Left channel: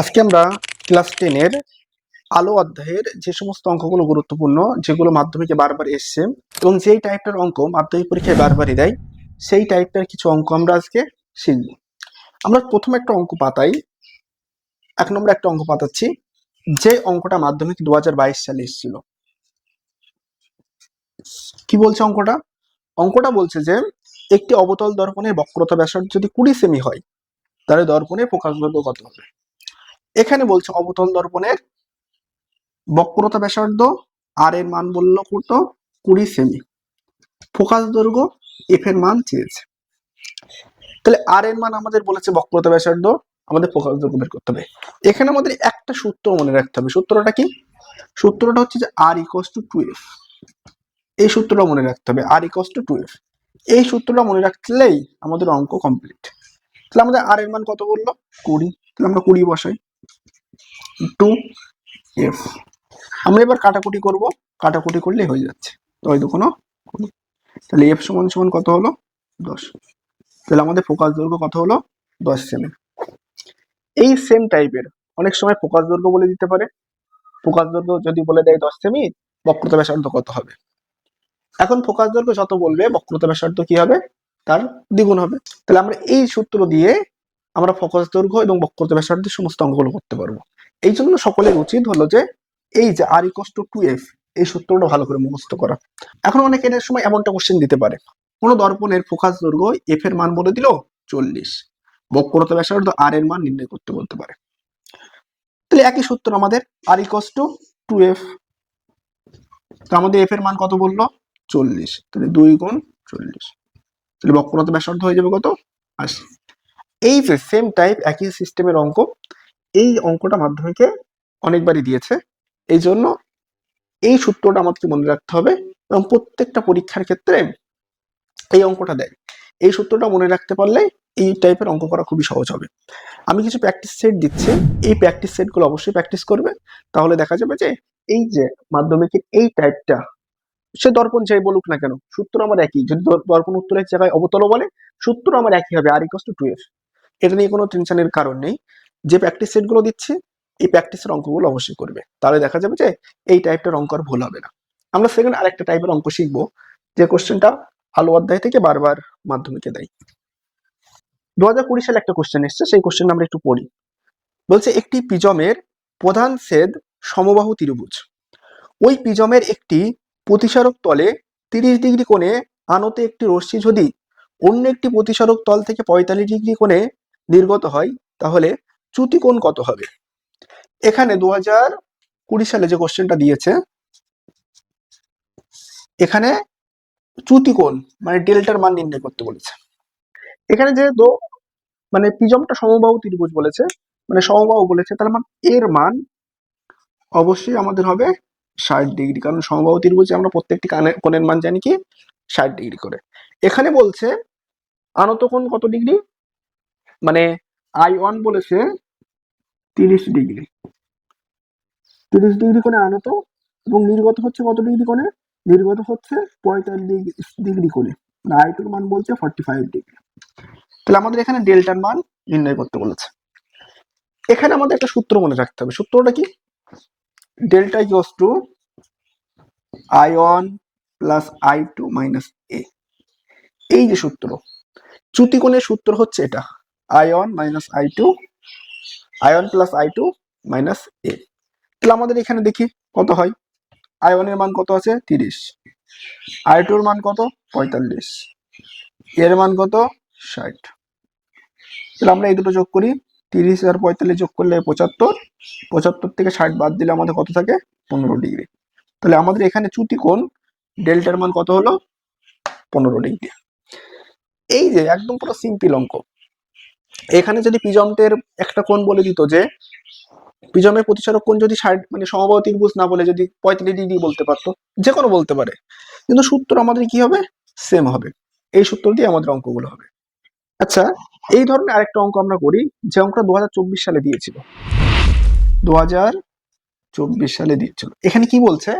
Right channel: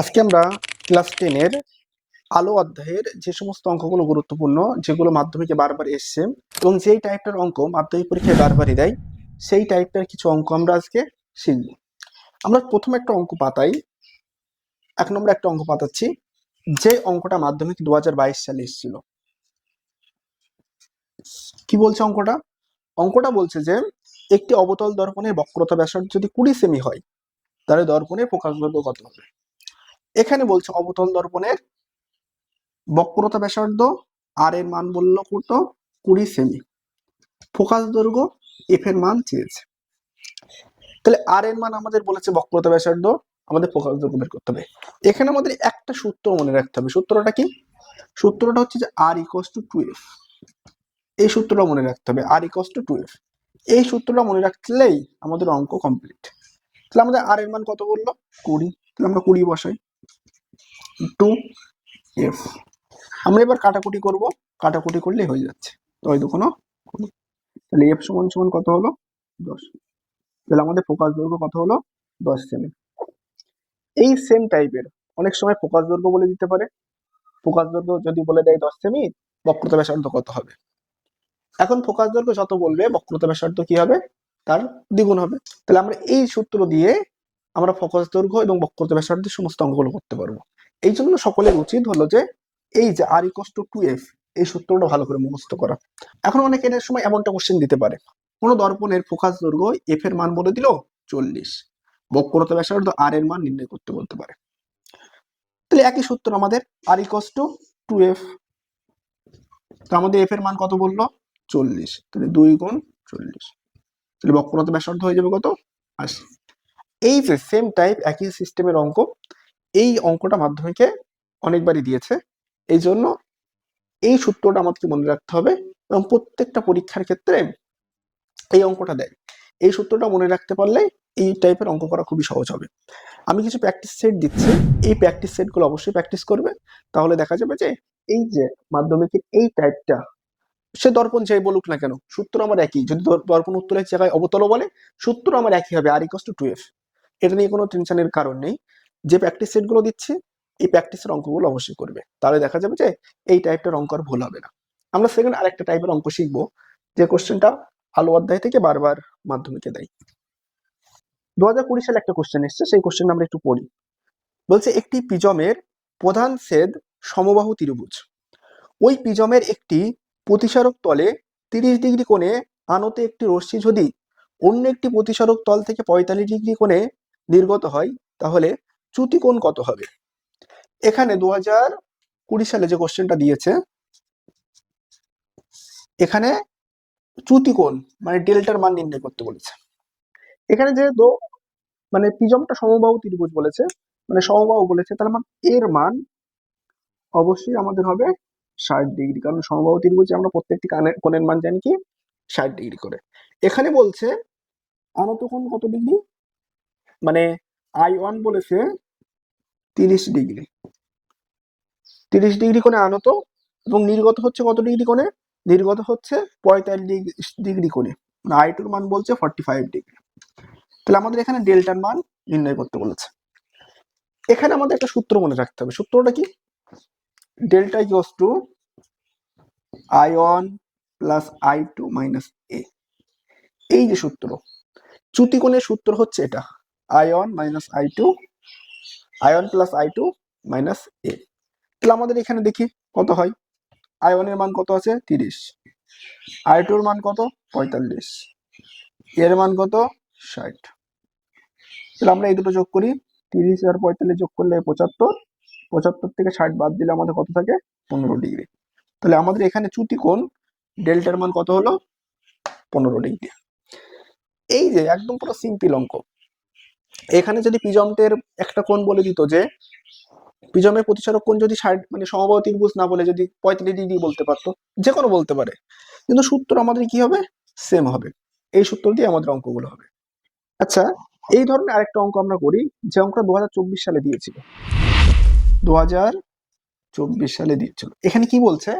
আজকে আমরা ক্লাস টেনের আলো অধ্যায়ের যে সমস্ত অঙ্কগুলো গুরুত্বপূর্ণ, যেগুলো মাধ্যমিকে বারবার এসছে, এবং যেই টাইপটার অঙ্ক মাধ্যমিক পরীক্ষায় বারবারই দেয়, সেই টাইপটার কিছু অঙ্ক আমরা আজকে শিখব। আমরা প্রথম একটা অঙ্ক পাতাই, এক নম্বর একটা অঙ্ক পাতাচ্ছি, যে অঙ্কটা মাধ্যমিক দু সালে এসেছিল। কি বলছে অঙ্কটা? অঙ্কটা বলছে যে, একটি অবতল দর্পণের বক্রতা ব্যাসার্ধ যদি কুড়ি সেমি হয়, তাহলে দর্পণের প্রকাশ দৈর্ঘ্য কত হবে? এখানে বলছে অবতল দর্পণের বক্রতা ব্যাসার্ধ আর এর মান বলল কত? কুড়ি সেমি। ফোকাস দৈর্ঘ্য এফ এর মান চেয়েছে। তাহলে আর এর মান আমাদের বলেছে বক্রতা ব্যাসার্ধ, আমাদের ফোকাস দৈর্ঘ্য বের করতে হবে। এখানে আমাদের একটা সূত্র মনে রাখতে হবে। সূত্রটা কি? সূত্রটা হচ্ছে যে R equals to two F এই সূত্রটা মনে রাখতে হবে R equals to two F এই সূত্রটা মনে রাখলেই আমাদের অঙ্ক কমপ্লিট তাহলে আমাদের আর এর মান কত বলল? কুড়ি। তাহলে আমরা কুড়ি বসাই। টু এফ আমরা এবার কাটাকুটি করব। কাটাকুটি হয়ে যাচ্ছে। দুগুণ কুড়ি তাহলে এফ সমান সমান কত হলো? দশ। তাহলে আমাদের ফোকাস দৈর্ঘ্য কত হলো? দশ সেমি। এই সেম টাইপের অনেক সময় ফোকাস দৈর্ঘ্য বলে দিতে পারে। ফোকাস দৈর্ঘ্য যদি বলে দেয় দশ সেমি, বক্রতা ব্যাসার্ধ কত হবে? এখন ফোকাস দৈর্ঘ্য যত বলবে, বক্রতা ব্যাসার্ধ কি হবে? তার দ্বিগুণ হবে। তাহলে আমরা এই সূত্র দিয়ে আমরা ফোকাস দৈর্ঘ্য এবং বক্রতা ব্যাসার্ধের সমস্ত অঙ্কগুলো করতে পারব। এই জন্য সকলের উচিত হলো যে, এই যে R equals to two F এই সূত্রটা ভালো করে মুখস্থ করা। এখন অনেকে এর সময় এমনটা কোশ্চেন দিতে পারে। কোন দর্পণের ফোকাস দৈর্ঘ্য এফ এর মান বলে দিল চল্লিশ। বক্রতা ব্যাসার্ধ আর এর মান নির্ণয় করতে বলতে পারে। তাহলে একই সূত্র আমাদের R equals to two F তো আমাদের এফ এর মান কত বলল? চল্লিশ। তাহলে দুই গুণ চল্লিশ। তাহলে বক্রতা ব্যাসার্ধ হয়ে যাবে কত? আশি। এই যে সেম টাইপ একই সিস্টেমের অঙ্ক, এই অঙ্কটা মাধ্যমিকে অনেকবারই দিয়েছে। এই জন্য এই সূত্রটা আমাদেরকে মনে রাখতে হবে এবং প্রত্যেকটা পরীক্ষার ক্ষেত্রে এই অঙ্কটা দেয়। এই সূত্রটা মনে রাখতে পারলে এই টাইপের অঙ্ক করা খুবই সহজ হবে। আমি কিছু প্র্যাকটিস সেট দিচ্ছি। এই প্র্যাকটিস সেটগুলো অবশ্যই প্র্যাকটিস করবে। তাহলে দেখা যাবে যে এই যে মাধ্যমিকের এই টাইপটা সে দর্পণ যাই বলুক না কেন, সূত্র আমার একই। যদি দর- দর্পণ উত্তরের জায়গায় অবতল বলে, সূত্র আমার একই হবে আর ইকস টু এফ এটা নিয়ে কোনো টেনশনের কারণ নেই। যে প্র্যাকটিস সেটগুলো দিচ্ছি, এই প্র্যাকটিসের অঙ্কগুলো অবশ্যই করবে। তাহলে দেখা যাবে যে এই টাইপটার অঙ্ক আর ভুল হবে না। আমরা সেকেন্ড আরেকটা টাইপের অঙ্ক শিখব, যে কোশ্চেনটা আলো অধ্যায় থেকে বারবার মাধ্যমিকে দেয়। দু হাজার কুড়ি সালে একটা কোশ্চেন এসছে, সেই কোশ্চেন আমরা একটু পড়ি। বলছে, একটি পিজমের প্রধান সেদ সমবাহু ত্রিভুজ। ওই পিজমের একটি প্রতিসারক তলে তিরিশ ডিগ্রি কোণে আনতে একটি রশ্মি যদি অন্য একটি প্রতিসারক তল থেকে পঁয়তাল্লিশ ডিগ্রি কোণে নির্গত হয়, তাহলে চ্যুতি কোণ কত হবে? এখানে দু হাজার কুড়ি সালে যে কোশ্চেনটা দিয়েছে, এখানে চ্যুতি কোণ মানে ডেল্টার মান নির্ণয় করতে বলেছে। এখানে যেহেতু মানে পিজমটা সমবাহু ত্রিভুজ বলেছে মানে সমবাহু বলেছে, তার মানে এর মান অবশ্যই আমাদের হবে ষাট ডিগ্রি, কারণ সমবাহু ত্রিভুজে আমরা প্রত্যেকটি কোণের মান জানি কি? ষাট ডিগ্রি করে। এখানে বলছে, আনত কোণ কত ডিগ্রি? মানে আই ওয়ান বলেছে তিরিশ ডিগ্রি। তিরিশ ডিগ্রি কোণে আনত এবং নির্গত হচ্ছে কত ডিগ্রি কোণে? নির্গত হচ্ছে পঁয়তাল্লিশ ডিগ্রি কোণে। আই টুর মান বলছে ফর্টি ফাইভ ডিগ্রি। তাহলে আমাদের এখানে ডেল্টার মান নির্ণয় করতে বলেছে। এখানে আমাদের একটা সূত্র মনে রাখতে হবে। সূত্রটা কি? Delta equals to I one plus I two minus A এই যে সূত্র চ্যুতিকোণের সূত্র হচ্ছে এটা। I one minus I two I one plus I two minus A তাহলে আমাদের এখানে দেখি কত হয়? আই ওয়ানের মান কত আছে? তিরিশ। আই টুর মান কত? পঁয়তাল্লিশ। এর মান কত? ষাট। তাহলে আমরা এই দুটো যোগ করি। তিরিশ আর পঁয়তাল্লিশ যোগ করলে পঁচাত্তর। পঁচাত্তর থেকে ষাট বাদ দিলে আমাদের কত থাকে? পনেরো ডিগ্রি। তাহলে আমাদের এখানে চ্যুতি কোণ ডেল্টার মান কত হলো? পনেরো ডিগ্রি। এই যে একদম পুরো সিম্পল অঙ্ক। এখানে যদি পিজমের একটা কোণ বলে দিত যে পিজমের প্রতিসারক কোণ যদি ষাট মানে সমবাহু ত্রিভুজ না বলে, যদি পঁয়তাল্লিশ ডিগ্রি বলতে পারতো, যে কোনো বলতে পারে। কিন্তু সূত্র আমাদের কি হবে? সেম হবে। এই সূত্র দিয়ে আমাদের অঙ্কগুলো হবে। আচ্ছা এই ধরনের আরেকটা অঙ্ক আমরা করি, যে অঙ্কটা দু হাজার চব্বিশ সালে দিয়েছিল। দু সালে দিয়েছিল। এখানে কি বলছে?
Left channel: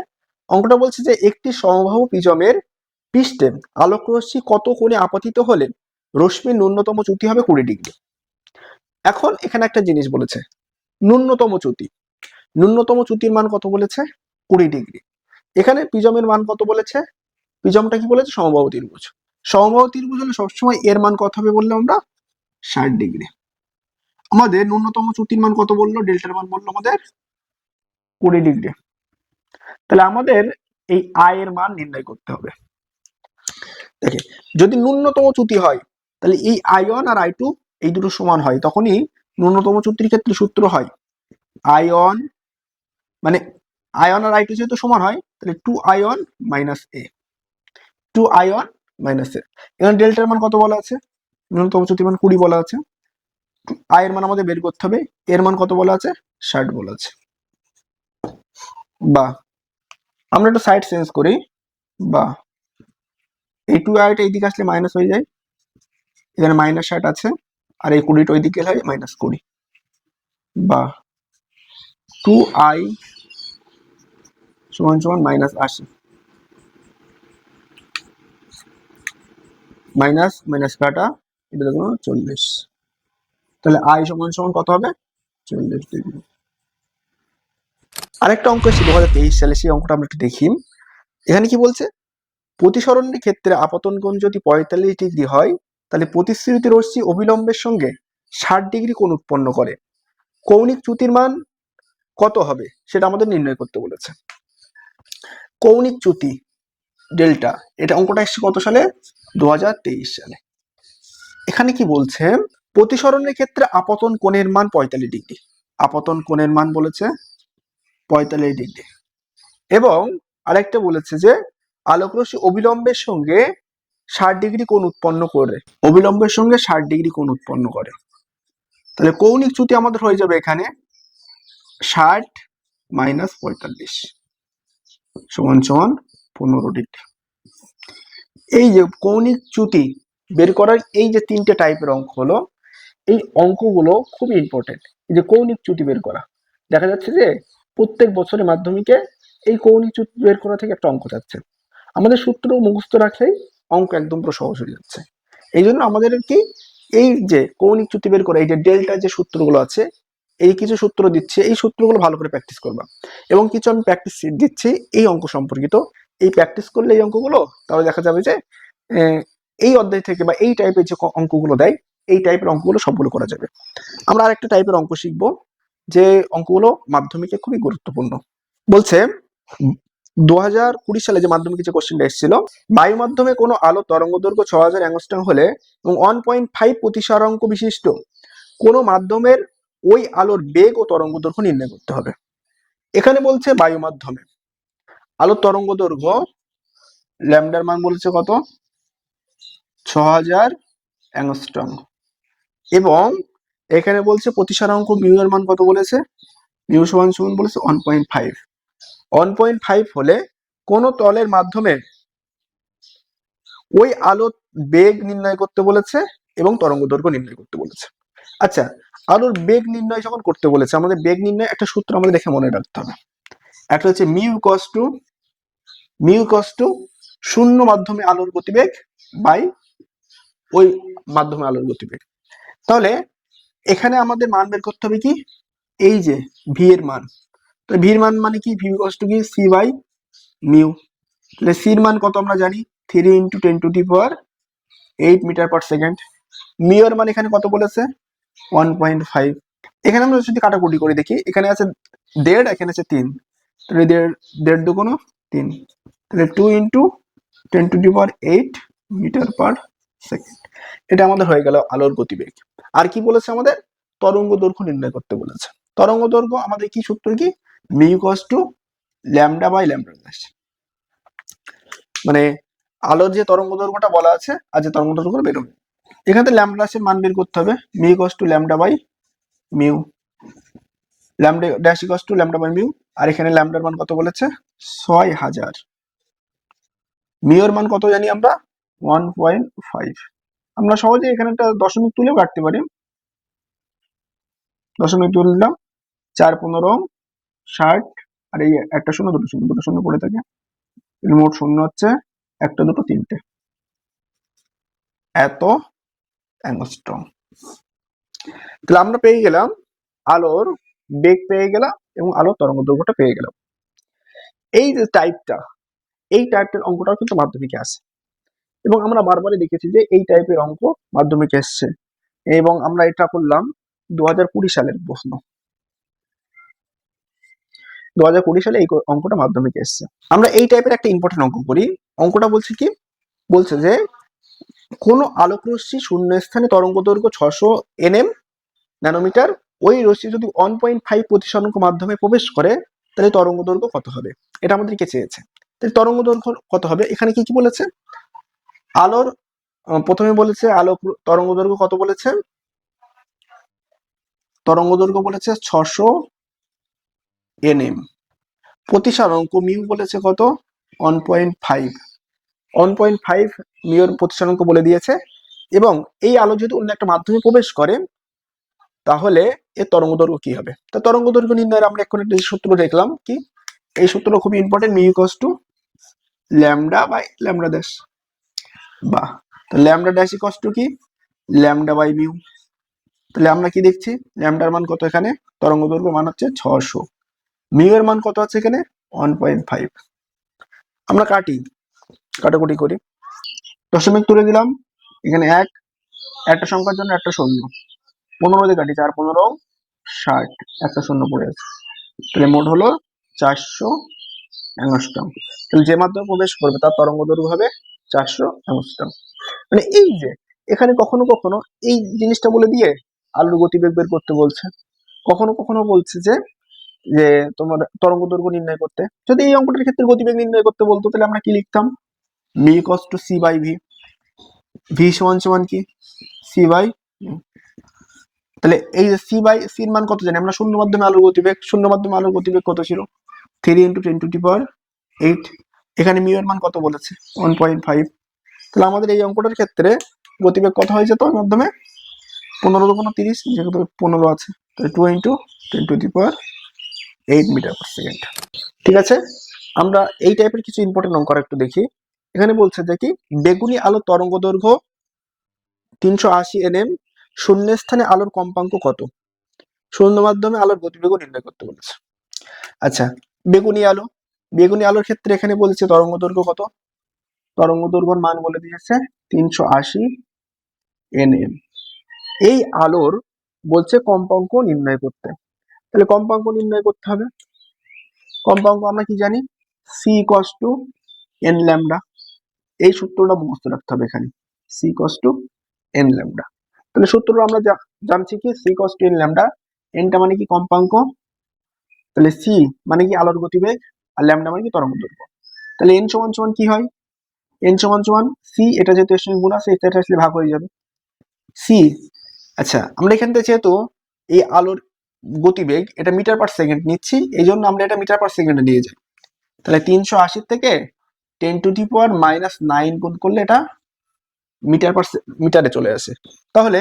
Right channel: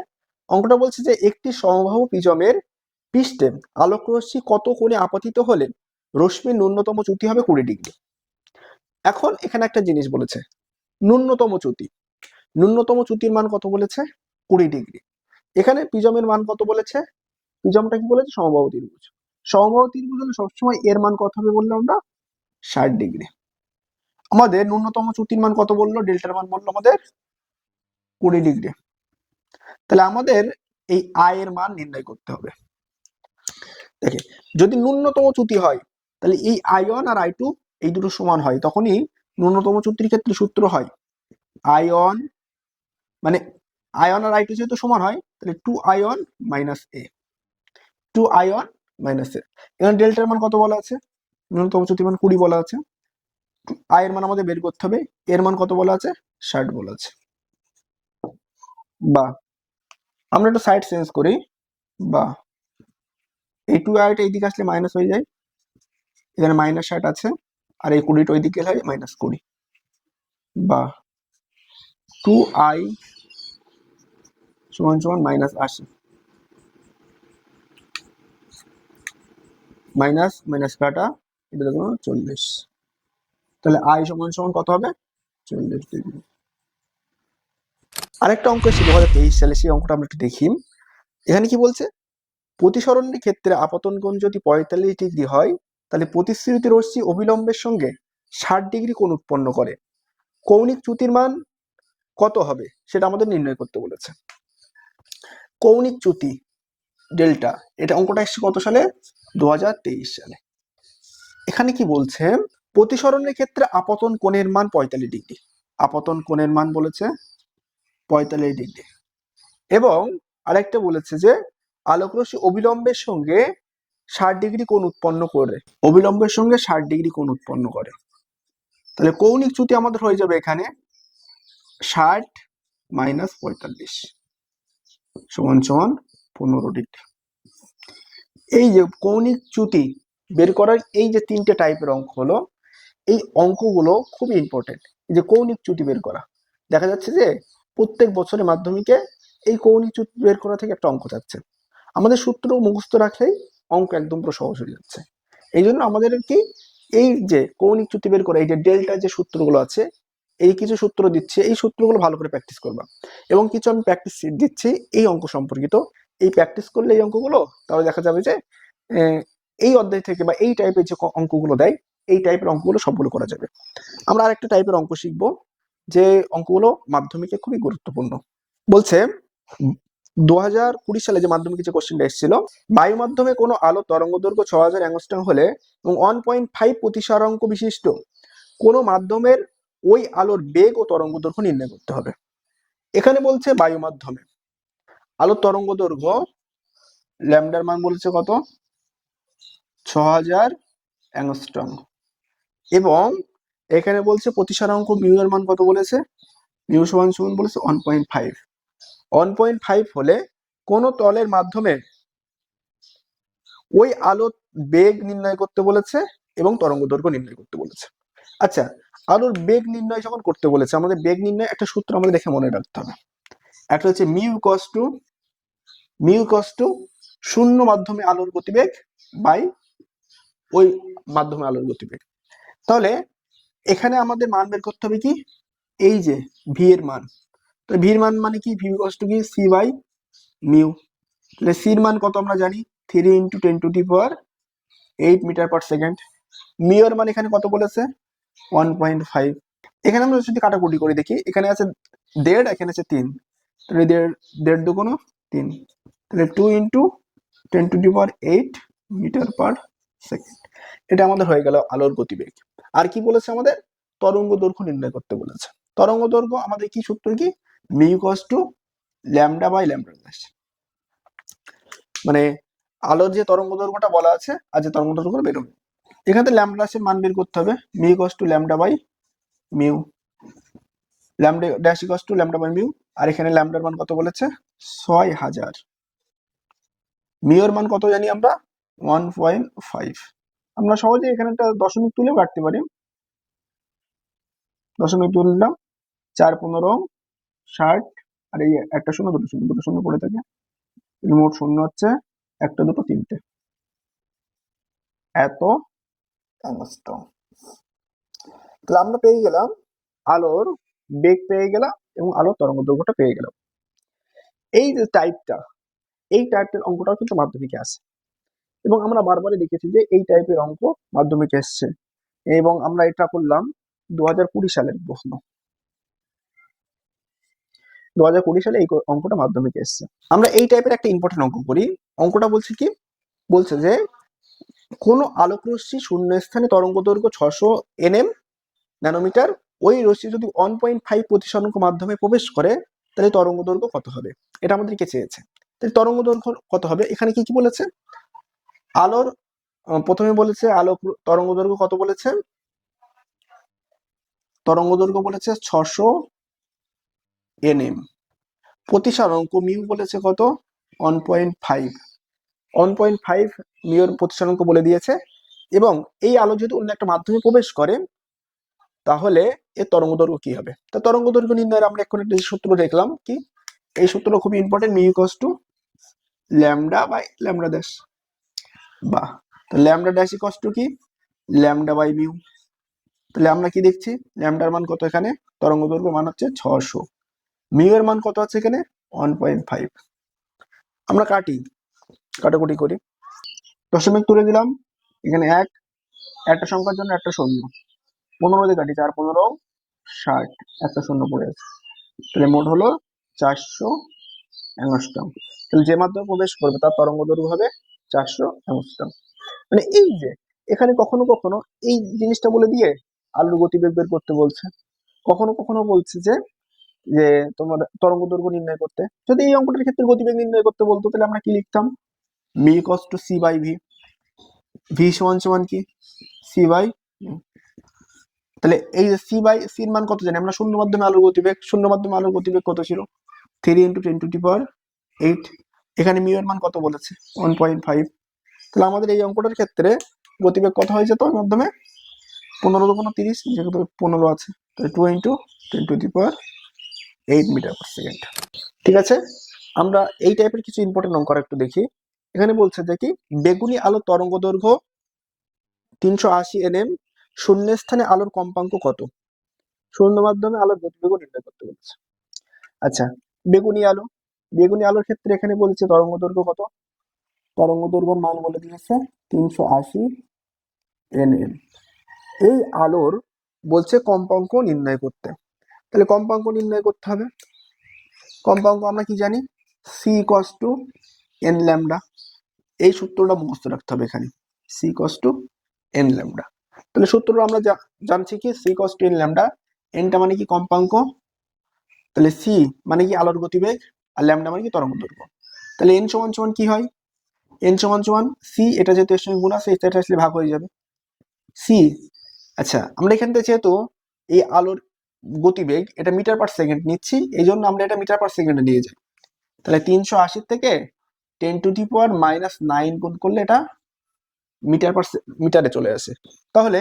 অঙ্কটা বলছে যে, একটি সমবাহু পিজমের পৃষ্ঠে আলোক রশ্মি কত কোণে আপতিত হলে রশ্মির ন্যূনতম চ্যুতি হবে কুড়ি ডিগ্রি। এখন এখানে একটা জিনিস বলেছে, ন্যূনতম চ্যুতি ন্যূনতম চ্যুতির মান কত বলেছে? কুড়ি ডিগ্রি। এখানে পিজমের মান কত বলেছে? পিজমটা কি বলেছে? সমবাহু ত্রিভুজ। সমবাহু ত্রিভুজ হলে সবসময় এর মান কত হবে বললে আমরা? ষাট ডিগ্রি। আমাদের ন্যূনতম চ্যুতির মান কত বলল? ডেল্টার মান বলল আমাদের কুড়ি ডিগ্রি। তাহলে আমাদের এই আয় এর মান নির্ণয় করতে হবে। দেখে, যদি ন্যূনতম চ্যুতি হয়, তাহলে এই আই ওয়ান আর আই টু এই দুটো সমান হয়, তখনই ন্যূনতম চুক্তির ক্ষেত্রে সূত্র হয় আই ওয়ান মানে আই ওয়ান আর আই টু যেহেতু সমান হয়, তাহলে two I one minus A two I one minus A এখানে ডেল্টার মান কত বলা আছে? ন্যূনতম চ্যুতির মান কুড়ি বলা আছে আই এর মান আমাদের বের করতে হবে এর মান কত বলা আছে? ষাট বলা আছে বা আমরা একটু সাইড চেঞ্জ করি বা এই টু আইটা এইদিকে আসলে মাইনাস হয়ে যায়, এখানে মাইনাস ষাট আছে আর এই কুড়িটা ওইদিকে হয় মাইনাস কুড়ি। বা টু আই সমান সমান মাইনাস আশি। মাইনাস মাইনাস কাটা, এটা দেখুন চল্লিশ। তাহলে আই সমান সমান কত হবে? চল্লিশ ডিগ্রি আরেকটা অঙ্ক এসেছে দু হাজার তেইশ সালে সেই অঙ্কটা আমরা একটু দেখি। এখানে কি বলছে? প্রতিসরণের ক্ষেত্রে আপতন কোণ যদি পঁয়তাল্লিশ ডিগ্রি হয় তাহলে প্রতিশ্রুতি রশ্মি অবিলম্বের সঙ্গে ষাট ডিগ্রি কোণ উৎপন্ন করে। কৌণিক চ্যুতির মান কত হবে সেটা আমাদের নির্ণয় করতে বলেছে। কৌণিক চ্যুতি ডেল্টা, এটা অঙ্কটা এসছে কত সালে? দু হাজার তেইশ সালে। এখানে কি বলছে? প্রতিসরণের ক্ষেত্রে আপতন কোণের মান পঁয়তাল্লিশ ডিগ্রি। আপতন কোণের মান বলেছে পঁয়তাল্লিশ ডিগ্রি। এবং আরেকটা বলেছে যে আলোকরশ্মি অবিলম্বের সঙ্গে ষাট ডিগ্রি কোণ উৎপন্ন করে, অবিলম্বের সঙ্গে ষাট ডিগ্রি কোণ উৎপন্ন করে। তাহলে কৌণিক চ্যুতি আমাদের হয়ে যাবে এখানে ষাট মাইনাস পঁয়তাল্লিশ সমান সমান পনেরো ডিগ্রি। এই যে কৌণিক চ্যুতি বের করার এই যে তিনটে টাইপের অঙ্ক হলো, এই অঙ্কগুলো খুব ইম্পর্টেন্ট এই যে কৌণিক চ্যুতি বের করা। দেখা যাচ্ছে যে প্রত্যেক বছরে মাধ্যমিকে এই কৌণিক চ্যুতি বের করা থেকে একটা অঙ্ক যাচ্ছে। আমাদের সূত্র মুখস্থ রাখলেই অঙ্ক একদম পুরো সহজ হয়ে যাচ্ছে। এই জন্য আমাদের কি এই যে কৌণিক চ্যুতি বের করা, এই যে ডেল্টা যে সূত্রগুলো আছে, এই কিছু সূত্র দিচ্ছে, এই সূত্রগুলো ভালো করে প্র্যাকটিস করবা। এবং কিছু আমি প্র্যাকটিস দিচ্ছি এই অঙ্ক সম্পর্কিত। এই প্র্যাকটিস করলে এই অঙ্কগুলো, তাহলে দেখা যাবে যে এই অধ্যায় থেকে বা এই টাইপের যে অঙ্কগুলো দেয়, এই টাইপের অঙ্কগুলো সবগুলো করা যাবে। আমরা আরেকটা টাইপের অঙ্ক শিখব, যে অঙ্কগুলো মাধ্যমিকে খুবই গুরুত্বপূর্ণ। বলছে দু হাজার কুড়ি সালে যে মাধ্যমিকে যে কোশ্চেনটা এসেছিল, বায়ু মাধ্যমে কোনো আলো তরঙ্গ দৈর্ঘ্য ছ হাজার অ্যাংস্ট্রম হলে এবং ওয়ান পয়েন্ট ফাইভ প্রতিসরাঙ্ক বিশিষ্ট, কোনো মাধ্যমের ওই আলোর বেগ ও তরঙ্গ দৈর্ঘ্য নির্ণয় করতে হবে। এখানে বলছে বায়ু মাধ্যমে। আলোর তরঙ্গ দৈর্ঘ্য ল্যামডার মান বলেছে কত? ছ হাজার অ্যাংস্ট্রম এবং এখানে বলছে প্রতিসরাঙ্ক মিউ এর মান কত বলেছে? মিউ সমান সমান বলেছে one point five one point five হলে কোন তলের মাধ্যমে ওই আলোর বেগ নির্ণয় করতে বলেছে এবং তরঙ্গ দৈর্ঘ্য নির্ণয় করতে বলেছে। আচ্ছা আলোর বেগ নির্ণয় যখন করতে বলেছে, আমাদের বেগ নির্ণয় একটা সূত্র আমাদের দেখে মনে রাখতে হবে। একটা হচ্ছে mu cos two mu cos two শূন্য মাধ্যমে আলোর গতিবেগ বাই ওই মাধ্যমে আলোর গতিবেগ। তাহলে এখানে আমাদের মান বের করতে হবে কি? এই যে ভি এর মান। তো ভি এর মান মানে কি? ভি কস টু কি? সি বাই মিউ তাহলে সির মান কত আমরা জানি? Three into ten to the power eight metre per second mu এর মান এখানে কত বলেছে? ওয়ান পয়েন্ট ফাইভ এখানে আমরা যদি কাটাকুটি করে দেখি, এখানে আছে দেড়, এখানে আছে তিন। তাহলে দেড় দেড় দুগুণ তিন। তাহলে two into ten to the power eight metre per second এটা আমাদের হয়ে গেল আলোর গতিবেগ। আর কি বলেছে আমাদের? তরঙ্গ দৈর্ঘ্য নির্ণয় করতে বলেছে। তরঙ্গ দৈর্ঘ্য আমাদের কি সূত্র কি? Mu equals to lambda by lambda dash মানে আলোর যে তরঙ্গ দৈর্ঘ্যটা বলা আছে আর যে তরঙ্গ দৈর্ঘ্য বেরোবে। এখানে ল্যামডা ড্যাশের মান বের করতে হবে। Mu equals to lambda by mu lambda dash equals to lambda by mu আর এখানে ল্যামডার মান কত বলেছে? ছয় হাজার। মিউর মান কত জানি আমরা? ওয়ান পয়েন্ট ফাইভ আমরা সহজে এখানে একটা দশমিক তুলেও কাটতে পারি। দশমিক তুললাম চার পনেরো ষাট, আর এই একটা শূন্য, দুটো শূন্য দুটো শূন্য পড়ে থাকে। মোট শূন্য হচ্ছে একটা, দুটো, তিনটে। এত তাহলে আমরা পেয়ে গেলাম আলোর বেগ পেয়ে গেলাম এবং আলোর তরঙ্গ দৈর্ঘ্যটা পেয়ে গেলাম। এই যে টাইপটা এই টাইপের অঙ্কটাও কিন্তু মাধ্যমিকে আসে। এবং আমরা বারবারই দেখেছি যে এই টাইপের অঙ্ক মাধ্যমিকে এসছে। এবং আমরা এটা করলাম দু সালের প্রশ্ন। দু হাজার কুড়ি সালে এই অঙ্কটা মাধ্যমিকে এসছে। আমরা এই টাইপের একটা ইম্পর্টেন্ট অঙ্ক করি। অঙ্কটা বলছে কি? বলছে যে, কোন আলোক রশ্মি শূন্য স্থানে তরঙ্গ দৈর্ঘ্য ছশো এনএম ন্যানোমিটার, ওই রশ্মি যদি ওয়ান পয়েন্ট ফাইভ প্রতিসরঙ্গ মাধ্যমে প্রবেশ করে, তাহলে তরঙ্গ দৈর্ঘ্য কত হবে? এটা আমাদেরকে চেয়েছে। তাহলে তরঙ্গ দৈর্ঘ্য কত হবে? এখানে কি কি বলেছে? আলোর প্রথমে বলেছে আলো তরঙ্গ দৈর্ঘ্য কত বলেছে? তরঙ্গ দৈর্ঘ্য বলেছে ছশো এনএম। প্রতিসরাঙ্ক মিউ বলেছে কত? One point five one point five Muir প্রতিসরাঙ্ক বলে দিয়েছে। এবং এই আলো যদি অন্য একটা মাধ্যমে প্রবেশ করে, তাহলে এর তরঙ্গ দৈর্ঘ্য কি হবে? তো তরঙ্গ দৈর্ঘ্য নির্ণয়ের আমরা এখন একটা সূত্র দেখলাম কি? এই সূত্রটা খুবই important mu equals to lambda by lambda dash বা তো ল্যামডা ড্যাশ ইকস টু কি? Lambda by mu. তাহলে আমরা কি দেখছি? ল্যামডার মান কত এখানে? তরঙ্গ দৈর্ঘ্য মান হচ্ছে ছশো মিউ মান কত আছে এখানে? ওয়ান পয়েন্ট ফাইভ আমরা কাটি, কাটাকুটি করি। দশমিক তুলে দিলাম, এখানে এক, একটা সংখ্যার জন্য একটা শূন্য। পনেরো দিয়ে কাটি, চার, পনেরো, ষাট, একটা শূন্য পড়ে আছে তাহলে মোট হলো চারশো অ্যাংস্ট্রম তাহলে যে মাধ্যমে প্রবেশ করবে, তার তরঙ্গ দৈর্ঘ্য হবে চারশো অ্যাংস্ট্রম মানে এই যে, এখানে কখনো কখনো এই জিনিসটা বলে দিয়ে আলোর গতিবেগ বের করতে বলছে। কখনো কখনো বলছে যে যে তোমার তরঙ্গ দৈর্ঘ্য নির্ণয় করতে। যদি এই অঙ্কটার ক্ষেত্রে গতিবেগ নির্ণয় করতে বলতো, তাহলে আমরা কি লিখতাম? B equals to C by V V সমান সমান কি? সি বাই তাহলে এই যে সি বাই সির মান কত জানি? আমরা শূন্য মাধ্যমে আলোর গতিবেগ, শূন্য মাধ্যমে আলোর গতিবেগ কত ছিল? Three into ten to power eight এখানে মিউ এর মান কত বলেছে? ওয়ান পয়েন্ট ফাইভ তাহলে আমাদের এই অঙ্কটার ক্ষেত্রে গতিবেগ কত হয়ে যেত ওর মাধ্যমে? পনেরো কোনো তিরিশ, যেহেতু পনেরো আছে, তাহলে two into ten to the power eight metre per second ঠিক আছে? আমরা এই টাইপের কিছু ইম্পর্টেন্ট অঙ্ক একটু দেখি। এখানে বলছে যে কি? বেগুনি আলো তরঙ্গ দৈর্ঘ্য তিনশো আশি এনএম শূন্য স্থানে আলোর কম্পাঙ্ক কত? শূন্য মাধ্যমে আলোর গতিবেগও নির্ণয় করতে বলেছে। আচ্ছা বেগুনি আলো। বেগুনি আলোর ক্ষেত্রে এখানে বলেছে তরঙ্গ দৈর্ঘ্য কত? তরঙ্গ দৈর্ঘ্যর মান বলে দিয়েছে তিনশো আশি এনএম এই আলোর বলছে কম্পাঙ্ক নির্ণয় করতে। তাহলে কম্পাঙ্ক নির্ণয় করতে হবে। কম্পাঙ্ক আমরা কি জানি? C equals to N lambda এই সূত্রটা মুখস্থ রাখতে হবে এখানে। C equals to N lambda তাহলে সূত্রটা আমরা জানছি কি? C equals to N lambda এনটা মানে কি কম্পাঙ্ক? তাহলে সি মানে কি আলোর গতিবেগ? আর ল্যামডা মানে কি তরঙ্গ দৈর্ঘ্য। তাহলে এন সমান সমান কি হয়? এন সমান সমান সি এটা যেহেতু এর সঙ্গে গুণ আছে, এটা আসলে ভাগ হয়ে যাবে। সি আচ্ছা আমরা এখান থেকে যেহেতু এই আলোর গতিবেগ, এটা মিটার পার সেকেন্ড নিচ্ছি এই জন্য আমরা এটা মিটার পার সেকেন্ডে নিয়ে যাই। তাহলে তিনশো আশির থেকে ten to the power minus nine গুণ করলে এটা মিটার পার মিটারে চলে আসে। তাহলে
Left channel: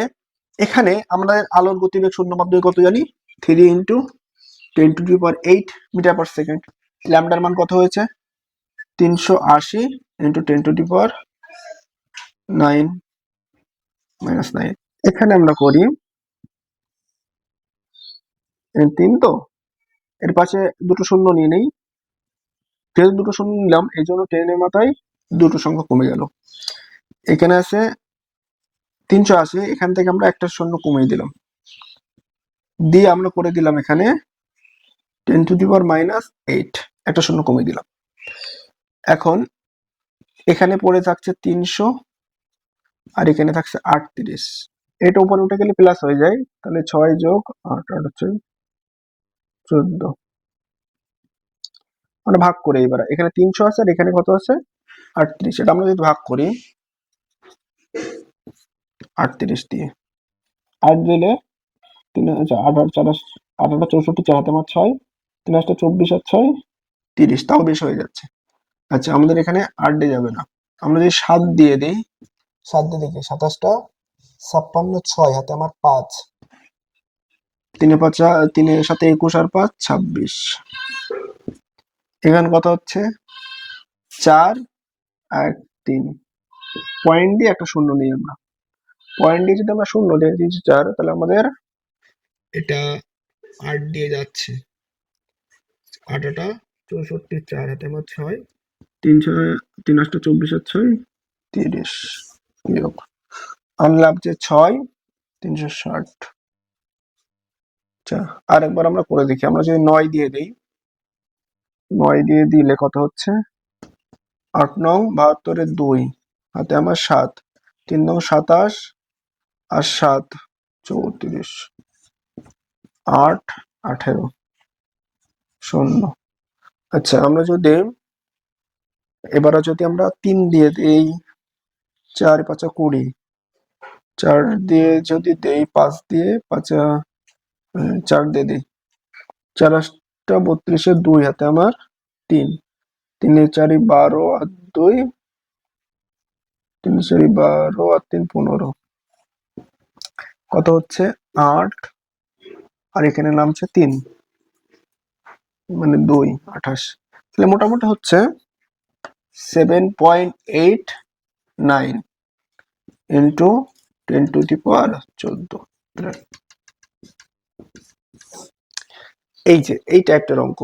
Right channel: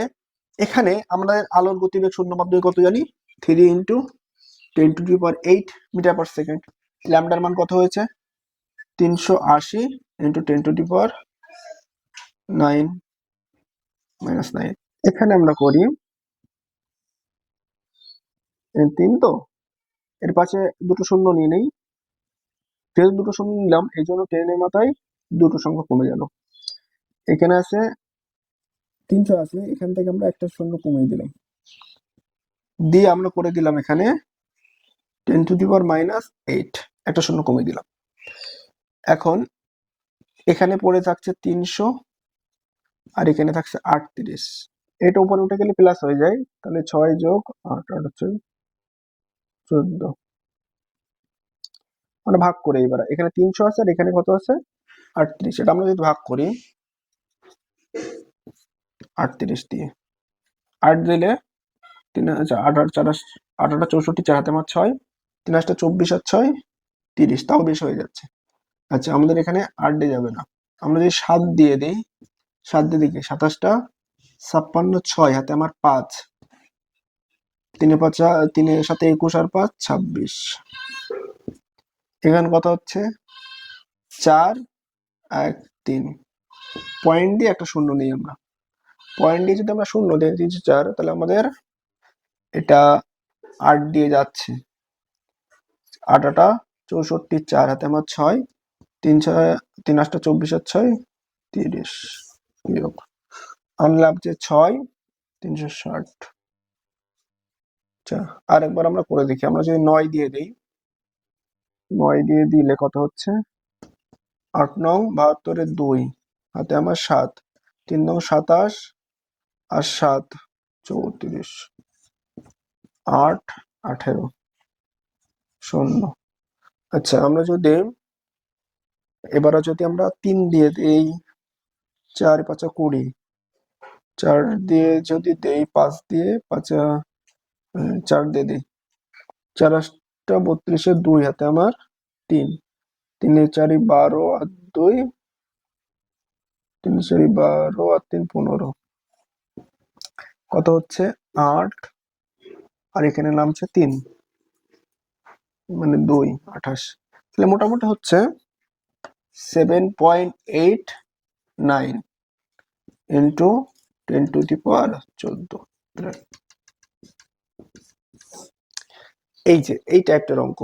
এখানে আমরা আলোর গতিবেগ শূন্য মাধ্যমে কত জানি? Three into ten to the power eight metre per second. ল্যামডার মান কত হয়েছে? তিনশো আশি into ten to the power nine minus nine. এখানে আমরা করি তিন তো? এর পাশে দুটো শূন্য নিয়ে নেই। যেহেতু দুটো শূন্য নিলাম, এই জন্য টেনের মাথায় দুটো সংখ্যা কমে গেল। এখানে আছে তিনশো আশি, এখান থেকে আমরা একটা শূন্য কমিয়ে দিলাম। দিয়ে আমরা করে দিলাম এখানে ten to the power minus eight একটা শূন্য কমিয়ে দিলাম। এখন এখানে পড়ে থাকছে তিনশো আর এখানে থাকছে আটত্রিশ। এটা উপরে উঠে গেলে প্লাস হয়ে যায়, তাহলে ছয় যোগ আট আট হচ্ছে চোদ্দ। আমরা ভাগ করি এবার। এখানে তিনশো আছে আর এখানে কত আছে? আটত্রিশ। এটা আমরা যদি ভাগ করি, আটত্রিশ দিয়ে। আট দিলে তিন আচ্ছা আট আট চার, আটা চৌষট্টি, চার হাতে আমার ছয়। তিন আটটা চব্বিশ আর ছয়, তিরিশ। তাও বেশ হয়ে যাচ্ছে। আচ্ছা আমাদের এখানে আট দিয়ে যাবে না। আমরা যদি সাত দিয়ে দিই, সাত দিয়ে দিকে সাতাশটা ছাপ্পান্ন, ছয়, হাতে আমার পাঁচ। তিনে পাঁচ তিনের সাথে একুশ আর পাঁচ, ছাব্বিশ। এখানে কত হচ্ছে চার, এক, তিন। পয়েন্ট দিয়ে একটা শূন্য নিই আমরা। পয়েন্ট দিয়ে যদি আমরা শূন্য দিয়ে দিয়েছি চার, তাহলে আমাদের এটা আট দিয়ে যাচ্ছে। আট আটা চৌষট্টি চার, হাতে আমার ছয়। তিন ছয়, তিন আটটা চব্বিশ আর ছয়, তিরিশ। বিয়োগ। আমার লাগছে ছয়, তিনশো ষাট। আচ্ছা আরেকবার আমরা করে দেখি। আমরা যদি নয় দিয়ে দিই, নয় দিয়ে দিলে কত হচ্ছে? আট নং বাহাত্তরের দুই, হাতে আমার সাত। তিন নং সাতাশ আর সাত, চৌত্রিশ। আট, আঠেরো। শূন্য। আচ্ছা আমরা যদি এবারে যদি আমরা তিন দিয়ে দিই, চার পাঁচা কুড়ি। চার দিয়ে যদি দেই পাঁচ দিয়ে, পাঁচা চার দিয়ে দিই। চার আটটা বত্রিশের দুই হাতে আমার তিন। তিনে চারি বারো আর দুই। তিন চারি বারো আর তিন পনেরো। কত হচ্ছে? আট। আর এখানে নামছে তিন। মানে দুই, আঠাশ। তাহলে মোটামুটি হচ্ছে seven point eight nine into ten to the power চোদ্দ। এই যে এই টাইপটার অঙ্ক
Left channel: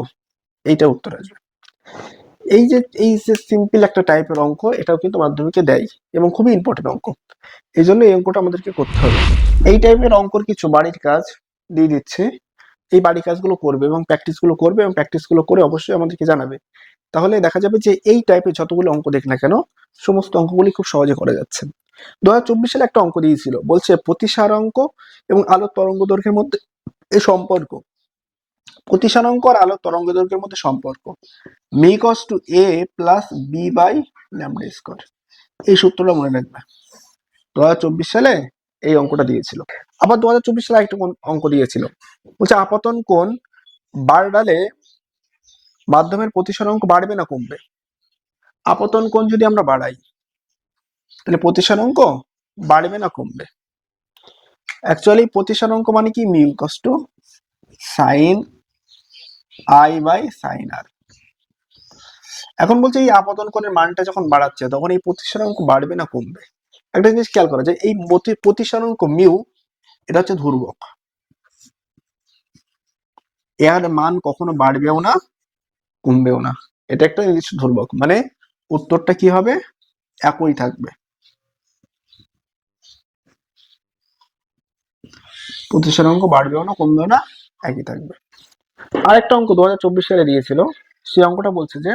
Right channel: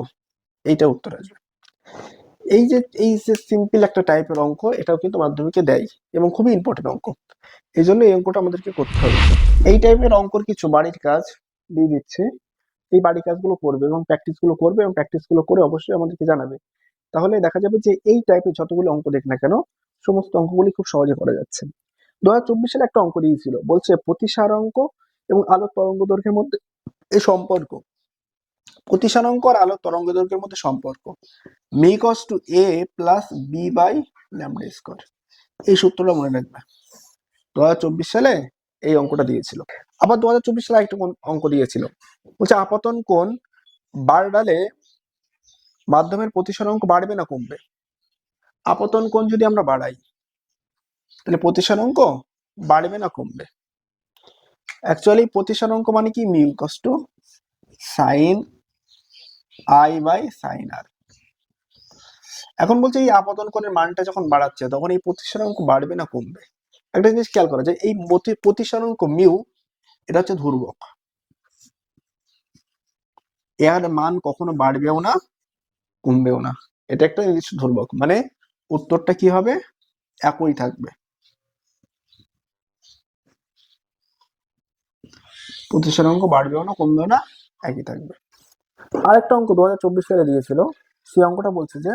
এইটা উত্তর আসবে। এই যে এই যে সিম্পল একটা টাইপের অঙ্ক, এটাও কিন্তু মাধ্যমিকে দেয় এবং খুবই ইম্পর্টেন্ট অঙ্ক। এই জন্য এই অঙ্কটা আমাদেরকে করতে হবে। এই টাইপের অঙ্কর কিছু বাড়ির কাজ দিয়ে দিচ্ছে। এই বাড়ির কাজগুলো করবে এবং প্র্যাকটিসগুলো করবে এবং প্র্যাকটিসগুলো করে অবশ্যই আমাদেরকে জানাবে। তাহলে দেখা যাবে যে এই টাইপের যতগুলো অঙ্ক দেখ না কেন, সমস্ত অঙ্কগুলি খুব সহজে করা যাচ্ছে। দু হাজার চব্বিশ সালে একটা অঙ্ক দিয়েছিল, বলছে প্রতিসার অঙ্ক এবং আলোর তরঙ্গ দৈর্ঘ্যের মধ্যে এই সম্পর্ক। প্রতিসার অঙ্ক আর আলোর তরঙ্গ দৈর্ঘ্যের মধ্যে সম্পর্ক mu equals to A plus B by lambda square এই সূত্রটা মনে রাখবে। দু চব্বিশ সালে এই অঙ্কটা দিয়েছিল। আবার দু সালে একটা কোন- অঙ্ক দিয়েছিল। বলছে আপতন কোণ বাড়ালে মাধ্যমের প্রতিসার অঙ্ক বাড়বে না কমবে। আপতন কোণ যদি আমরা বাড়াই, তাহলে প্রতিসার অঙ্ক বাড়বে না কমবে। অ্যাকচুয়ালি প্রতিসার অঙ্ক মানে কি? মিউ কষ্ট sine I by sine R এখন বলছে এই আপতন কোণের মানটা যখন বাড়াচ্ছে, তখন এই প্রতিসার অঙ্ক বাড়বে না কমবে? একটা জিনিস খেয়াল করা যায় এই মতি- প্রতিসার অঙ্ক মিউ, এটা হচ্ছে ধ্রুবক। এর মান কখনো বাড়বেও না, কমবেও না। এটা একটা জিনিস ধ্রুবক। মানে উত্তরটা কি হবে? একই থাকবে। প্রতিসার অঙ্ক বাড়বেও না, কমবেও না, একই থাকবে। আরেকটা অঙ্ক দু হাজার চব্বিশ সালে দিয়েছিল। সেই অঙ্কটা বলছে যে,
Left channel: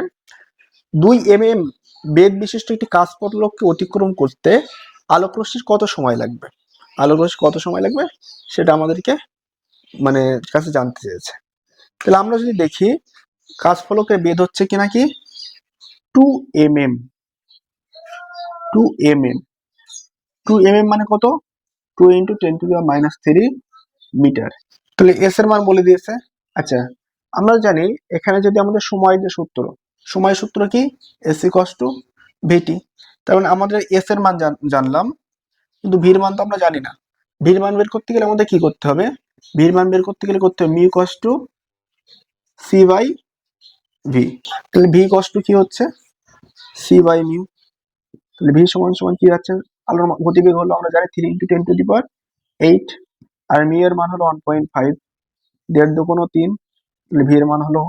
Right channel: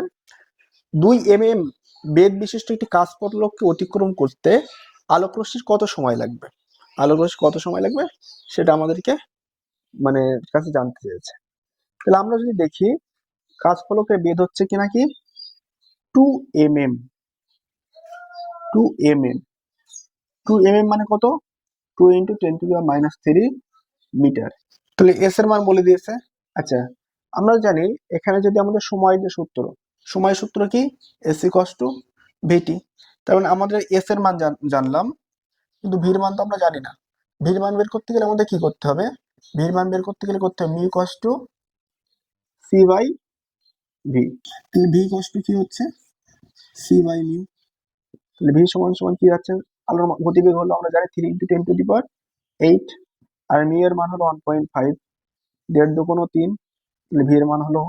দুই এম এম বেদ বিশিষ্ট একটি কাঁচপটলককে অতিক্রম করতে আলোকরশ্মির কত সময় লাগবে? আলোকরশ্মি কত সময় লাগবে? সেটা আমাদেরকে মানে কাছে জানতে চেয়েছে। তাহলে আমরা যদি দেখি কাঁচফলকের বেদ হচ্ছে কি নাকি? Two M M two M M two M M মানে কত two into ten to minus three metre তাহলে এস এর মান বলে দিয়েছে। আচ্ছা আমরা জানি এখানে যদি আমাদের সময় যে সূত্র, সময় সূত্র কি? এসি ইকস টু ভিটি তার মানে আমাদের এস এর মান জান- জানলাম, কিন্তু ভির মান তো আমরা জানি না। ভির মান বের করতে গেলে আমাদের কি করতে হবে? ভির মান বের করতে গেলে করতে হবে mu cos two c by v তাহলে ভি কস টু কি হচ্ছে? সি বাই মিউ তাহলে ভি সমান সমান কি যাচ্ছে? আলোর গতিবেগ হলো আমরা জানি three into ten to the power eight R mu এর মান হলো ওয়ান পয়েন্ট ফাইভ দেড় দুগুণ তিন, তাহলে ভি এর মান হলো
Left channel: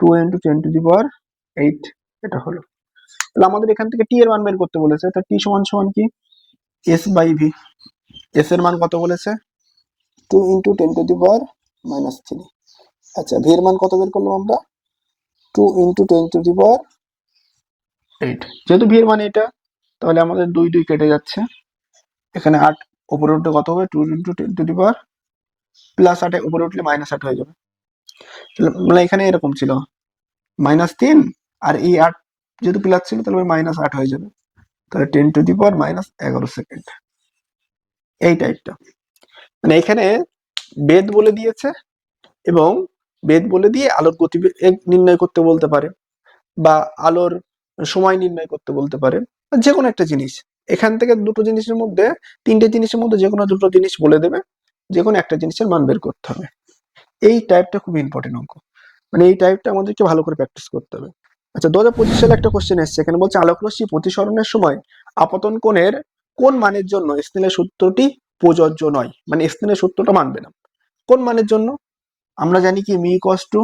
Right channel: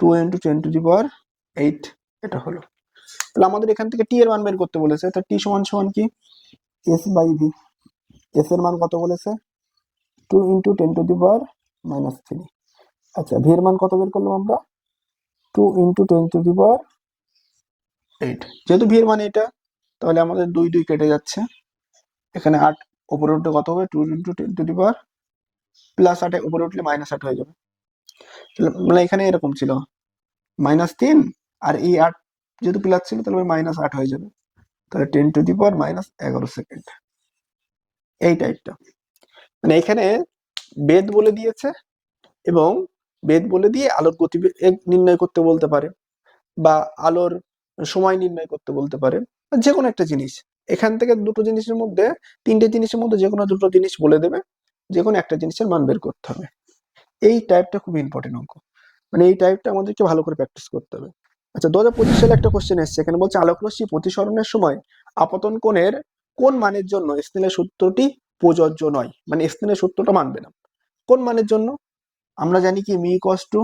two into ten to the power eight এটা হলো। তাহলে আমাদের এখান থেকে টি এর মান বের করতে বলেছে, তো টি সমান সমান কি? এস বাই ভি এস এর মান কত বলেছে? Two into ten to the power minus three আচ্ছা ভি এর মান কত বের করলাম আমরা? Two into ten to the power eight যেহেতু ভি এর মান এটা, তাহলে আমাদের দুই দুই কেটে যাচ্ছে। এখানে আট উপরে উঠলে কত হবে? Two into ten to the power plus আটে উপরে উঠলে মাইনাস আট হয়ে যাবে। মানে এখানে এরকম ছিল। মাইনাস তিন আর এই আট যেহেতু প্লাস ছিল, তাহলে মাইনাস আট হয়ে যাবে। তাহলে ten to the power minus এগারো সেকেন্ড এই টাইপটা মানে এখানে বেদ বলে দিয়েছে এবং বেদ বলে দিয়ে আলোর গতিবেগ নির্ণয় করতে বলতে পারে বা আলোর সময় নির্ণয় করতে বলতে পারে। যে কোনো একটা জিনিস। এখান থেকে দুটো জিনিসের মধ্যে, তিনটে জিনিসের মধ্যে যে কোনো দুটো জিনিস বলে দেবে। যে কোনো একটা জিনিসের মান বের করতে হবে। এই টাইপটা খুব ইম্পর্টেন্ট অঙ্ক। মানে এই টাইপটা আমাদেরকে ভালো করে প্র্যাকটিস করতে হবে। আচ্ছা দু হাজার পঁচিশ সালে একটা কোশ্চেন এসছে। এখানে বলছে, আলোকরশ্মি প্রতিসরণের সময় আপতন কোণের কোন মানের জন্য স্নেলের সূত্রটি প্রযোজ্য নয়? মানে স্নেলের সূত্রটা মানবে না। কোন মানের জন্য? আমরা জানি কি mu equals to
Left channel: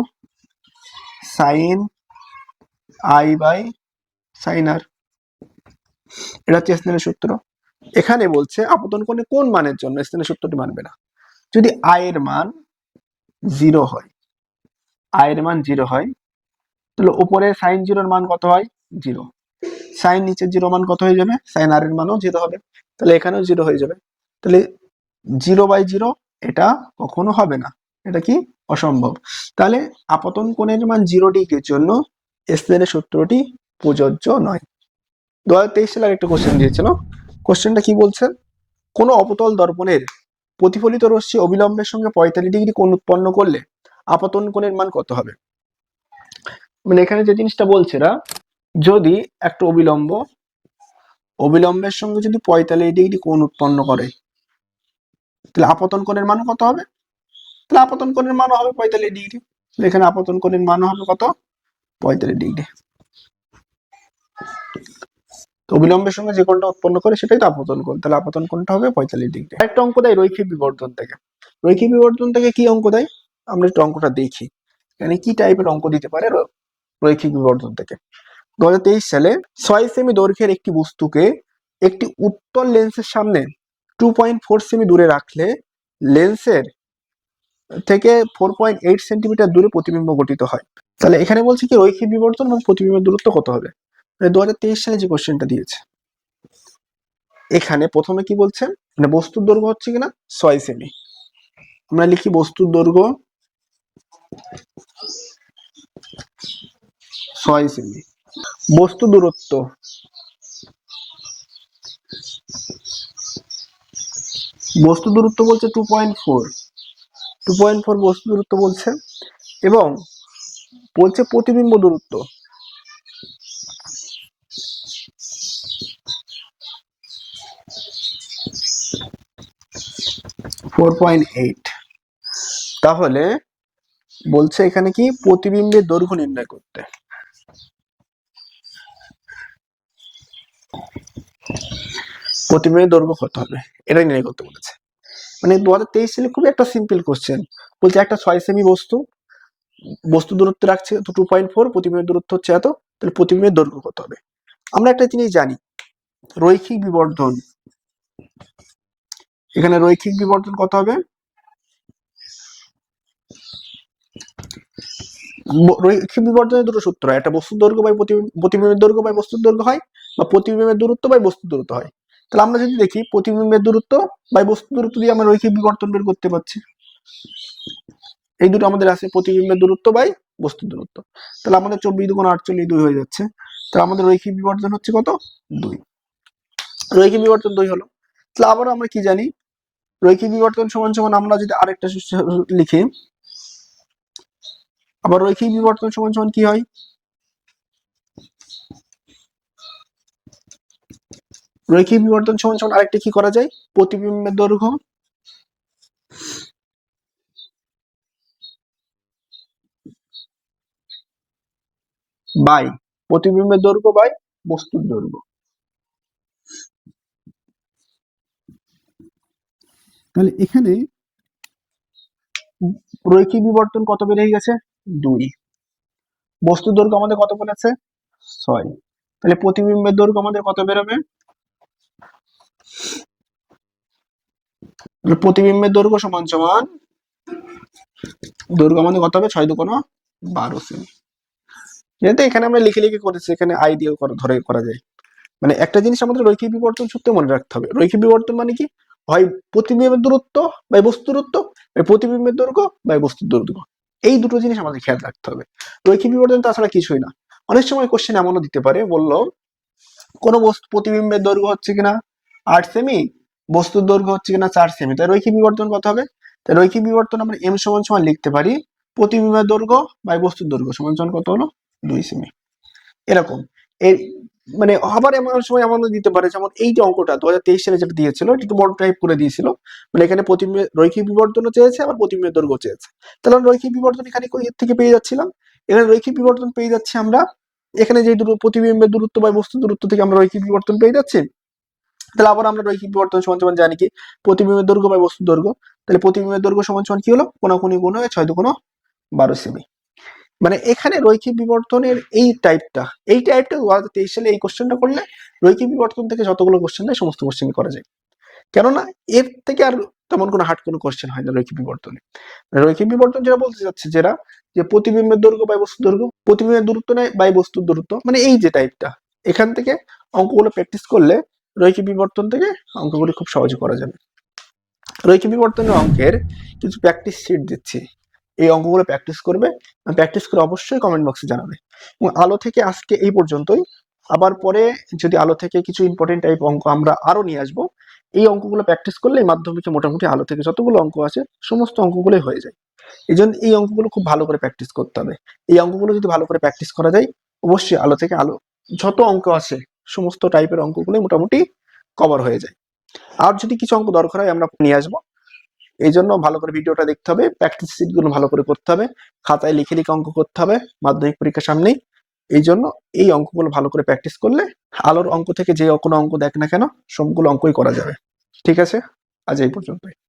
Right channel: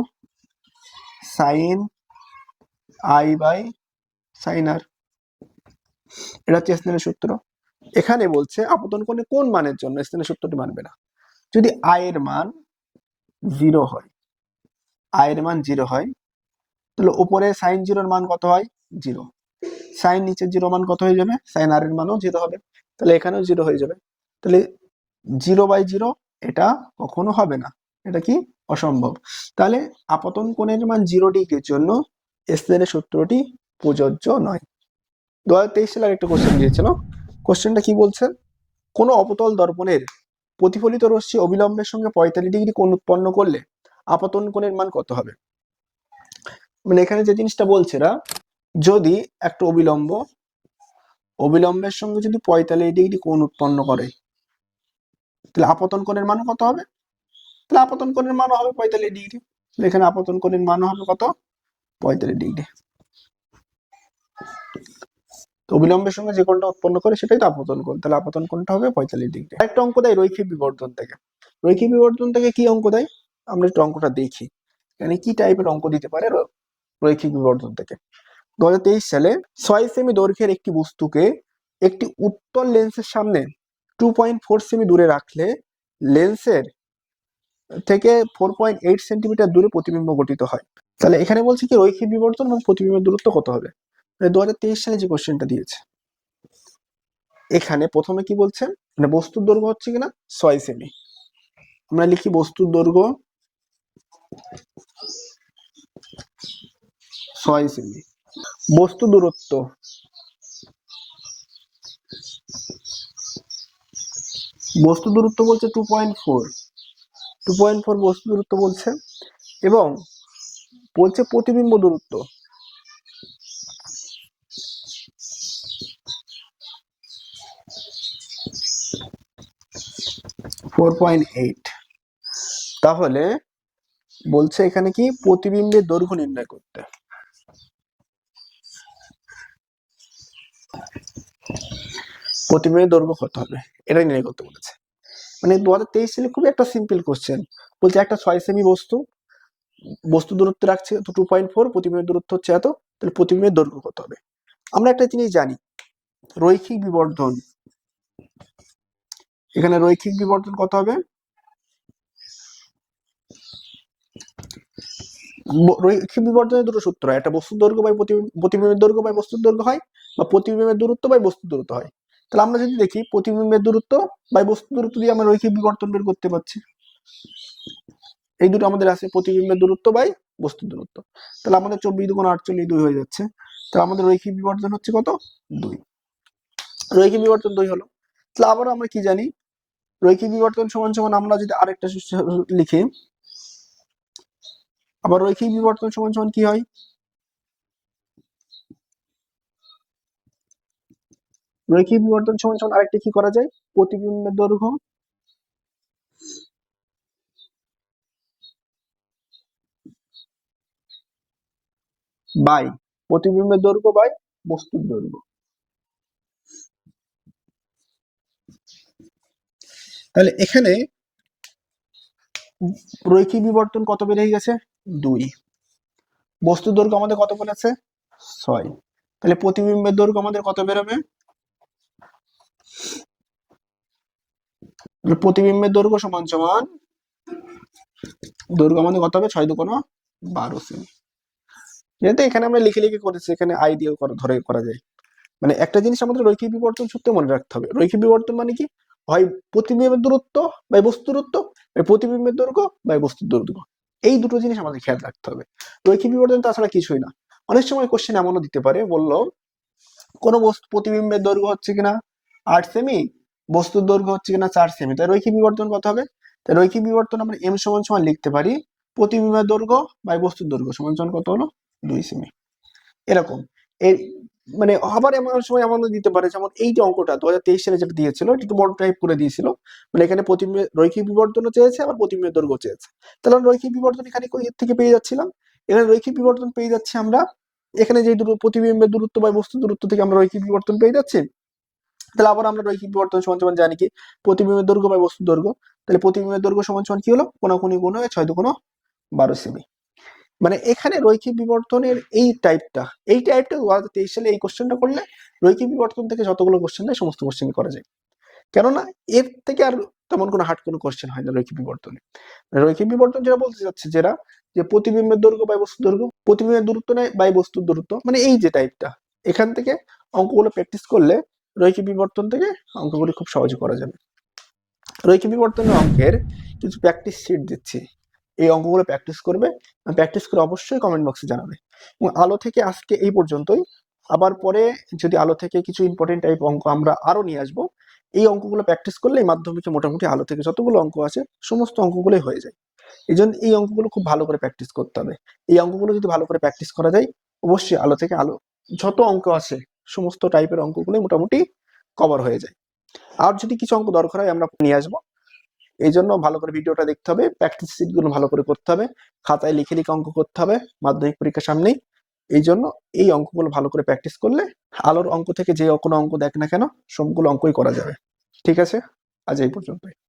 sine I by sine R এটা হচ্ছে স্নেলের সূত্র। এখানে বলছে, আপতন কোণে কোন মানের জন্য স্নেলের সূত্রটি মানবে না? যদি আয়ের মান জিরো হয় আয়ের মান জিরো হয়, তাহলে উপরে সাইন জিরোর মান কত হয়? জিরো সাইন নিচে জিরো মান কত হয়ে যাবে? সাইন আর এর মানও জিরো হবে। তাহলে এখানেও জিরো হয়ে যাবে। তাহলে জিরো বাই জিরো এটা কখনো হবে না। এটা কি? অসম্ভব। তাহলে আপতন কোণের মান জিরো ডিগ্রির জন্য স্নেলের সূত্রটি প্রযোজ্য নয়। দু হাজার তেইশ সালে একটা কোশ্চেন দিয়েছিল। কোশ্চেনটা কি বলছে? কোনো অপতল দর্পণের প্রতিফলিত রশ্মি অবিলম্বের সঙ্গে পঁয়তাল্লিশ ডিগ্রি কোণ উৎপন্ন করলে আপতন কোণের মান কত হবে? মানে এখানে যে জিনিসটা বলছে না যদি একটা অবিলম্ব, অবিলম্বের সঙ্গে যদি পঁয়তাল্লিশ ডিগ্রি কোণ উৎপন্ন করে, তাহলে আপতন কোণের মান কত হবে? তাহলে আপতন কোণের মানও হবে পঁয়তাল্লিশ ডিগ্রি। এখানে আপতন কোণের মান হবে কত? পঁয়তাল্লিশ ডিগ্রি। তো অবিলম্বের সঙ্গে যে কোণটা উৎপন্ন করে সেটাই তো আপতন কোণ। তাহলে আপতন কোণটা হবে পঁয়তাল্লিশ ডিগ্রি। একটা অঙ্ক দেয় রৈখিক বিবর্ধন থেকে। রৈখিক বিবর্ধন থেকে কি অঙ্ক দেয়? আমরা একটু অঙ্কটা দেখি। এখানে কি টাইপের অঙ্ক দিতে পারে রৈখিক বিবর্ধন থেকে? দু সালে ছয় সেমি দৈর্ঘ্যের একটি বস্তুকে একটি উত্তল লেন্সের সামনে টু পয়েন্ট ফোর সেমি দূরে রাখলে লেন্সের থেকে ফোর পয়েন্ট এইট সেন্টিমিটার দূরে প্রতিবিম্ব গঠিত হয়। তাহলে এখানে বলছে কি রৈখিক বিবর্তন এবং প্রতিবিম্বের দূরত্ব কত হবে? মানে দু সালে যে কোশ্চেনটা দিয়েছে, এখানে প্রথমে কি বলছে? মানে বস্তুর দৈর্ঘ্য হচ্ছে কিনা? ছয় সেমি। আমরা লিখি বস্তুর দৈর্ঘ্য ছয় সেমি। বস্তু দূরত্ব বস্তু দূরত্ব বলছে two point four two point four বস্তু দূরত্ব বলছে এবং বলছে প্রতিবিম্ব দূরত্ব। ফোর পয়েন্ট এইট তাহলে বলছে এখানে কি? প্রতিবিম্বের দৈর্ঘ্য নির্ণয় করতে। প্রতিবিম্বের দৈর্ঘ্য কত হবে? এটাই নির্ণয় করতে বলেছে। মানে দু তেইশ সালে খুবই একটা সিম্পল কোশ্চেন বলছে একটা ছয় সেমি বস্তু বস্তু দূরত্ব রাখছে টু পয়েন্ট ফোর প্রতিবিম্বের দূরত্ব হচ্ছে এত, তাহলে প্রতিবিম্বের দৈর্ঘ্য কত হবে? আমরা একটা জিনিস জানি, রৈখিক বিবর্ধন এখানে রৈখিক বিবর্তন কত হবে? রৈখিক বিবর্তনের দুটো সূত্র একটা বস্তুর দৈর্ঘ্য বাই প্রতিবিম্ব- প্রতিবিম্বের দৈর্ঘ্য বাই বস্তুর দৈর্ঘ্য হয় বা প্রতিবিম্বের দূরত্ব বাই বস্তুর দূরত্ব হয়। তাহলে আমরা যদি দেখি, প্রতিবিম্বের দূরত্ব বাই বস্তুর দূরত্ব দিয়ে আমরা রৈখিক বিবর্তন বের করতে পারছি। এই দুটো আমাদের আছে, প্রতিবিম্বের দূরত্ব বাই বস্তুর দূরত্ব। তাহলে আমাদের চব্বিশ দুগুণ আটচল্লিশ দুই হয়ে যাচ্ছে। তাহলে আমাদের রৈখিক বিবর্তন হচ্ছে কত? দুই। রৈখিক বিবর্তন দুই হলো। তাহলে আবার আমরা কি জানি? রৈখিক বিবর্তন সমান সমান আমরা যদি আরেকটা লিখি আবার রৈখিক বিবর্তন সমান সমান কি হয়? রৈখিক বিবর্তন সমান সমান আরেকটা কি করা যায়? প্রতিবিম্বের দৈর্ঘ্য। বাই, প্রতিবিম্বের দৈর্ঘ্য বাই বস্তুর দৈর্ঘ্য। তাহলে এখানে রৈখিক বিবর্তন কত বেড়ে গেছে? দুই। বস্তুর দৈর্ঘ্য আমাদের কত বলেছে? ছয়। তাহলে প্রতিবিম্বের দৈর্ঘ্য আমাদের কত বেরোবে? প্রতিবিম্বের দৈর্ঘ্য সমান সমান দৈর্ঘ্য আমাদের কত হবে? ছয় দুকোনো বারো সেমি। যেহেতু এখানে আমরা লিখে লিখে করেছি, এখানে আই দিয়ে ধরে করা যায়। মানে একটা জিনিস আমাদের রৈখিক বিবর্তন সূত্রে মনে রাখতে হবে। রৈখিক বিবর্তন মানে কি? হয় প্রতিবিম্বের দূরত্ব বা বস্তু দূরত্ব প্রতিবিম্বের দৈর্ঘ্য বা বস্তুর দৈর্ঘ্য। এই দুটো জিনিস আমাদের খেয়াল রাখতে হবে। রৈখিক বিবর্তন তাছাড়া কিছুই না। অনেক সময় কোশ্চেন এমনও দিতে পারে, বলল, কোনো বস্তু প্রতিবিম্বের দৈর্ঘ্য হচ্ছে কিনা? আট সেমি? বস্তুর দৈর্ঘ্য হচ্ছে কিনা চার সেমি? তাই রৈখিক বিবর্তন কত হবে? তাই রৈখিক বিবর্তন আমরা এম সমান সমান লিখতে পারি, প্রতিবিম্বের দৈর্ঘ্য বা বস্তুর দৈর্ঘ্য সমান সমান কত হলো? দুই সেমি। এরকম। এর মানে আবার এমন সময় এমন দিতে পারে, যেমন এই যে অঙ্কটা দু হাজার তেইশ সালে যেটা দিয়েছিল একটু বড় টাইপ করে দিয়েছিল। মানে এখানে প্রতিবিম্বের রৈখিক বিবর্তনও চেয়েছে, আবার প্রতিবিম্বের দৈর্ঘ্য চেয়েছে। তাহলে আমরা রৈখিক বিবর্তন এখানে থেকে পেয়ে যাচ্ছিলাম? এখানে রৈখিক বিবর্তন পেয়ে যাচ্ছি আমরা, এখানে যে প্রতিবিম্বের দূরত্ব বা বস্তু দূরত্ব থেকে আমরা রৈখিক বিবর্তন পেয়ে যাচ্ছি, তাহলে আবার আমরা রৈখিক বিবর্তন সমান সমান জানি কি? প্রতিবিম্বের দৈর্ঘ্য বাই বস্তুর দৈর্ঘ্য। তাহলে প্রতিবিম্বের দৈর্ঘ্য সমান সমান কি হলো? কোনাকুনি গুণ হয়ে ছয় দুগুণ বারো সেমি। মানে এখানে রৈখিক বিবর্তনের এই টাইপটা এই টাইপটা দু হাজার তেইশ সালে এই কোশ্চেনটা করলে রৈখিক বিবর্তন থেকে যতগুলো কোশ্চেন দেয় সমস্ত কোশ্চেন করা যায়। কেননা এর থেকে আর তেমন কোনো হার্ড কোনো কোশ্চেন হয় না রৈখিক বিবর্তনে। রৈখিক বিবর্তন যেটা বলতে চাচ্ছে যেটা, যে প্রতিবিম্বের দৈর্ঘ্য বাই বস্তুর দৈর্ঘ্য, প্রতিবিম্বের দূরত্ব নেয় বাই বস্তুর দূরত্ব মানে এই যে টাইপটা এখান থেকে অঙ্কগুলো প্র্যাকটিস করলে রৈখিক বিবর্তন থেকে অঙ্কগুলি খুব সহজে করা যাবে। রৈখিক বিবর্তনের অঙ্কের কিছু প্র্যাকটিস শিট দিচ্ছি। এই অঙ্কগুলো প্র্যাকটিস করবে প্র্যাকটিস করে অবশ্যই কমেন্ট বক্সে জানাবে। এবং আলো থেকে আজকে এই পর্যন্তই। আবার পরে যদি আলো থেকে কিছু ইম্পর্টেন্ট টাইপ অঙ্ক আমরা আরও নিয়ে আসব, এই অঙ্কগুলো প্র্যাকটিস করলে মাধ্যমিকে মোটামুটি আলো থেকে যতগুলো অঙ্ক আছে, সমস্ত অঙ্কগুলোই হয়ে যায়। এই জন্য এই অঙ্কগুলো খুব ভালো করে প্র্যাকটিস করতে হবে। এই অঙ্কগুলো যদি ভালো করে প্র্যাকটিস করা যায়, অবশ্যই আলো থেকে আলো, যত অঙ্ক আছে, সমস্ত টাইপের অঙ্কগুলো মোটামুটি কভার হয়ে যায়। আর যদি কিছু অঙ্ক দরকার হয়, আমরা নিয়ে আসব। এই জন্য ভালো করে ভিডিওটা দেখতে হবে প্র্যাকটিস সিটগুলো ভালো করে করতে হবে, খাতায় লিখে লিখে অঙ্ক করতে হবে, মাধ্যমিক পরীক্ষার সামনেই। এই জন্য এই অঙ্কগুলো ভালো করে প্র্যাকটিস করলে আলোর অঙ্ক থেকে যে কোনো অঙ্ক দেখ না কেন, সবগুলো অঙ্কই করা যাবে। ঠিক আছে? আজ এই পর্যন্তই।